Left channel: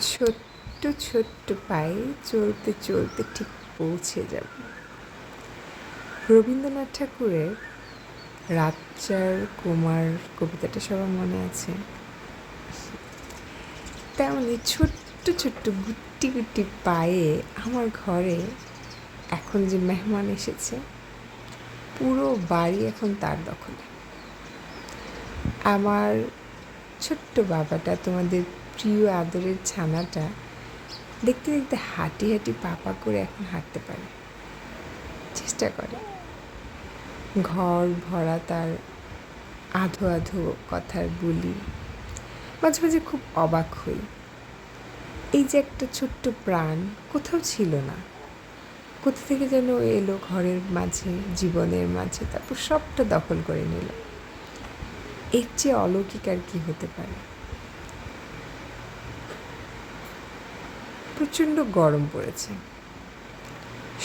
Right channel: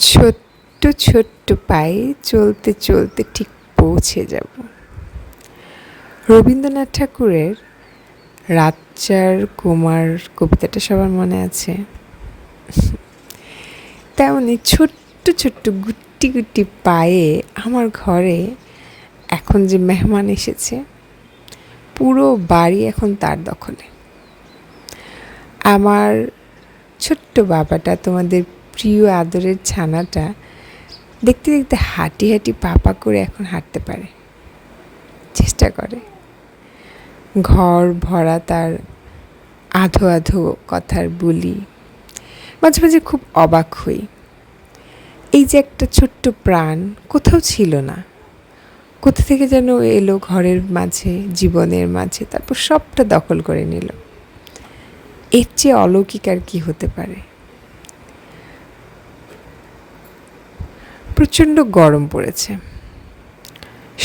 ছোট্ট ছোট্ট পায়ে চলতে চলতে ঠিক পৌঁছে যাব। রবীন্দ্রনাথ ঠাকুরের রাজ্জার কুমার কবিতাটা সবার মনে আছে। তেমনি ছোট্ট ছোট্ট গুটি গুটি পায়ে আমার ঘরে এখন যে মেহমান এসেছে, পুরো বাড়ি এখন তার দখলে। আমার ছোট্ট বাবাটা তোমাদের প্রিয় আদরের ছানাটা দেখতে দেখতে হাঁটি হাঁটি পাপা করে এখন হাঁটতে পারে। চেষ্টা করে। ঘর, ভরা তার আধো আধো কথার বলি। মাঝে মাঝে খুব অবাক হই। এই যে একটা ছোট্ট প্রাণ কোথাও ছিল না। কোথা থেকে যেন এলো ঘরের মাঝে, জীবনের মাঝে, তারপর সবটা দখল করে নিল। এর চেয়ে অলৌকিক আর কি হতে পারে? প্রচণ্ড গরম পড়েছে।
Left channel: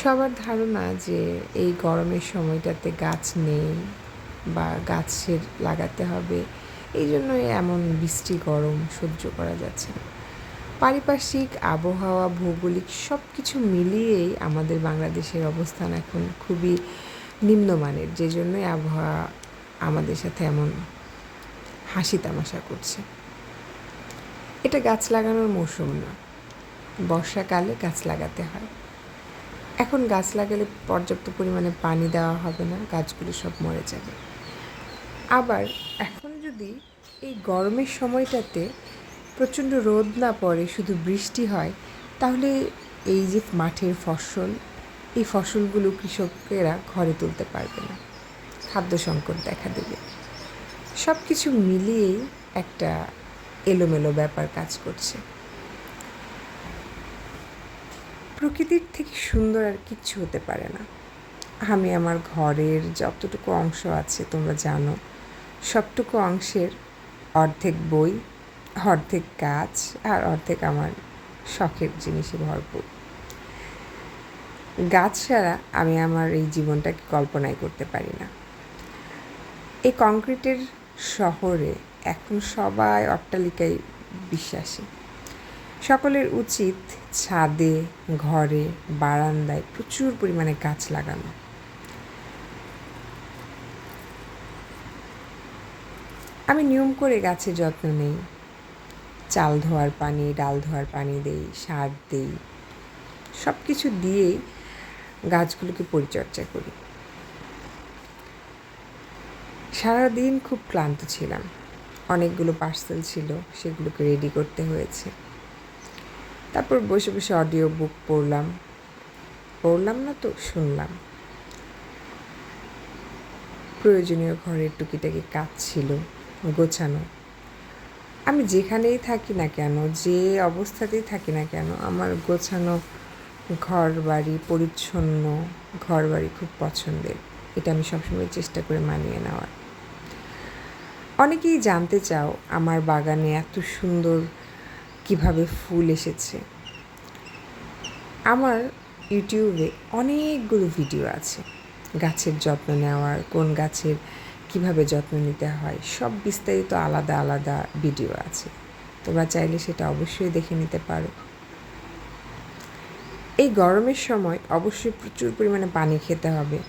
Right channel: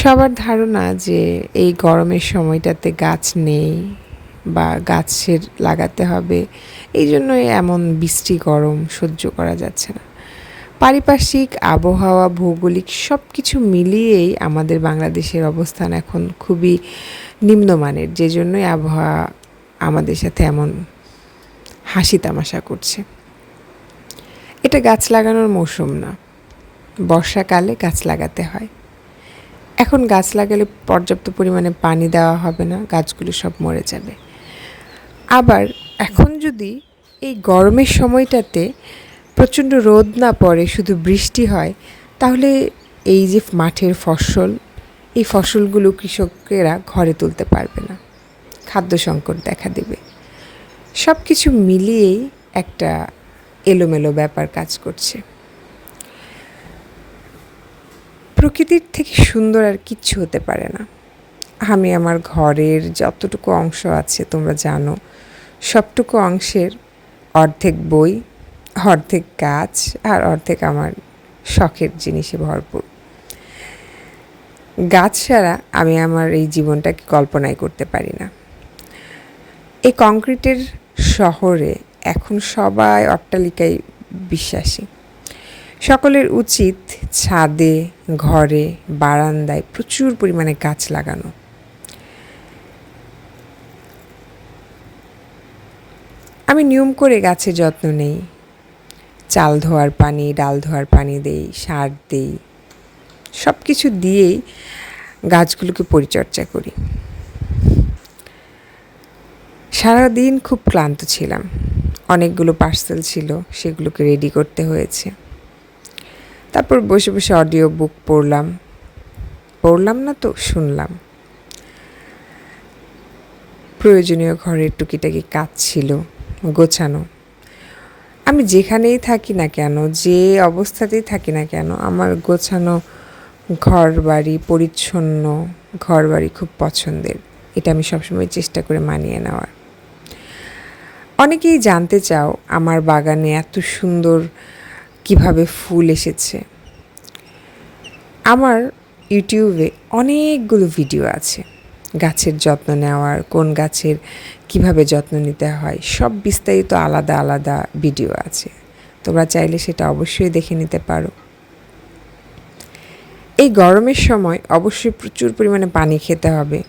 সবার ধারণা যে এই গরমের সময়টাতে গাছ নেই বা গাছের লাগাতে হবে, এই জন্যই এমন বৃষ্টি গরম সহ্য করা যাচ্ছে না। পারিপার্শ্বিক আবহাওয়া, ভৌগোলিক সব কিছু মিলিয়েই আমাদের বাংলাদেশের অবস্থান এখন খুবই নিম্নমানের, যে জন্যই আবহাওয়া আমাদের সাথে এমন হাসি তামাশা করছে। এটা গাছ লাগানোর মৌসুম না। বর্ষাকালে গাছ লাগাতে হয়। এখন গাছ লাগালে পর্যাপ্ত পরিমাণে পানি দেওয়া হবে না, গাছগুলো সব মরে যাবে। আবার এখন যদি এই গরমের সময়টাতে প্রচণ্ড রোদ না পড়ে, শুধু বৃষ্টি হয়, তাহলে এই যে মাঠের ফসল, এই ফসলগুলো কৃষকেরা ঘরে তুলতে পারবে না। খাদ্য সংকট দেখা দেবে। সব কিছু মিলিয়েই একটা এলোমেলো ব্যাপার কাজ করছে। প্রকৃতির থেকে সুন্দর আর কিচ্ছু হতে পারে না। আমি আমার ঘরের যতটুকু অংশ আছে, তোমরা জানো, সবটুকু অংশের অর্ধেক বই, অর্ধেক গাছ আর অর্ধেক আমার শখের জিনিসে ভরপুর। গাছ ছাড়া আমি আমার এই জীবনটাকে কল্পনাই করতে পারি না। এই কংক্রিটের শহরে এখন সবাই অট্টালিকায় বিশ্বাসী। সকলের উচিত ছাদে, ঘরে, বারান্দায় প্রচুর পরিমাণে গাছ লাগানো। আমি নিয়ম করে গাছের যত্ন নেই। চাল ধোয়ার পানি, ডাল ধোয়ার পানি দেই, সার দেই। সব কিছু দিয়েই গাছগুলোকে পরিচর্যা করি। সারাদিন খুব ক্লান্ত ছিলাম। অনেকগুলো পার্সেল ছিল, সেগুলোকে রেডি করতে হয়েছে। তারপর বসে বসে অডিও বুক পড়লাম। পড়লাম না তো, শুনলাম। প্রয়োজনীয় ঘরের টুকিটাকি কাজ ছিল, গোছানো। আমি যেখানেই থাকি না কেন, যে অবস্থাতেই থাকি না কেন, আমার গোছানো ঘর বাড়ি পরিচ্ছন্ন ঘর বাড়ি খুব পছন্দের। এটা আমি সবসময় চেষ্টা করে মানিয়ে নেওয়ার। অনেকেই জানতে চাও, আমার বাগানে এত সুন্দর কীভাবে ফুল এসেছে। আমার ইউটিউবে অনেকগুলো ভিডিও আছে। গাছের যত্ন নেওয়ার, কোন গাছের কীভাবে যত্ন নিতে হয়, সব বিস্তারিত আলাদা আলাদা ভিডিও আছে। তোমরা চাইলে সেটা অবশ্যই দেখে নিতে পারো। এই গরমের সময় অবশ্যই প্রচুর পরিমাণে পানি খেতে হবে।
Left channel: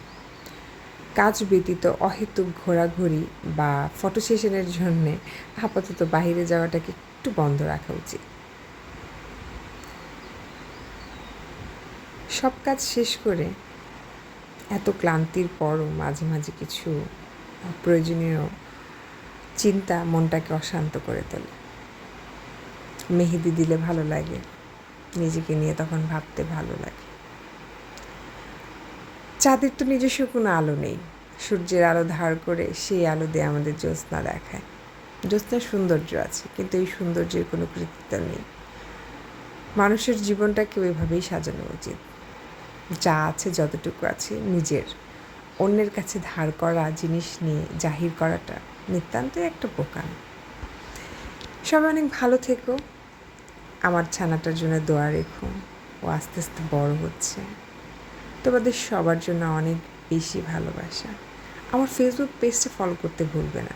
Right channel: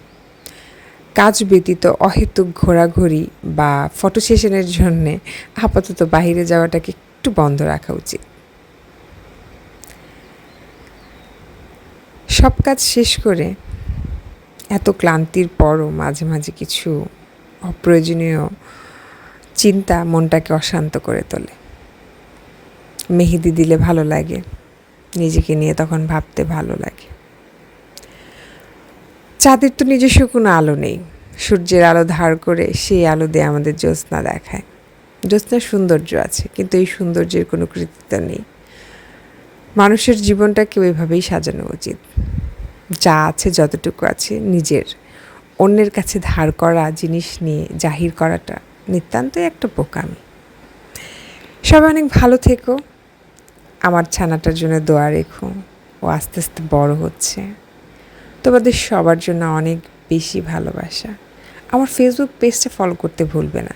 কাজ ব্যতীত অহেতুক ঘোরাঘুরি বা ফটো সেশনের জন্যে আপাতত বাহিরে যাওয়াটাকে একটু বন্ধ রাখা উচিত। সব কাজ শেষ করে এত ক্লান্তির পরও মাঝে মাঝে কিছু অপ্রয়োজনীয় চিন্তা মনটাকে অশান্ত করে তোলে। মেহেদি দিলে ভালো লাগে, নিজেকে নিয়ে তখন ভাবতে ভালো লাগে। চাঁদের তো নিজস্ব কোনো আলো নেই। সূর্যের আলো ধার করে সেই আলো দিয়ে আমাদের জ্যোৎস্না দেখায়। জ্যোৎস্নার সৌন্দর্য আছে, কিন্তু এই সৌন্দর্যের কোনো কৃতিত্ব নেই। মানুষের জীবনটাকে ওইভাবেই সাজানো উচিত। যা আছে, যতটুকু আছে, নিজের। অন্যের কাছে ধার করা জিনিস নিয়ে জাহির করাটা নিতান্তই একটা বোকাম। সবাই অনেক ভালো থেকো। আমার ছানাটার জন্য দোয়া রেখো। ও আস্তে আস্তে বড় হচ্ছে। তোমাদের সবার জন্য অনেক বেশি ভালোবাসা। আমার ফেসবুক পেজটা ফলো করতে ভুলবে না।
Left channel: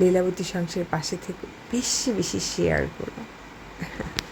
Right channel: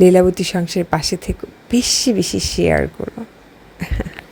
লীলাবতী সংসারের পাশে থেকে, বেশি বেশি শেয়ার করো।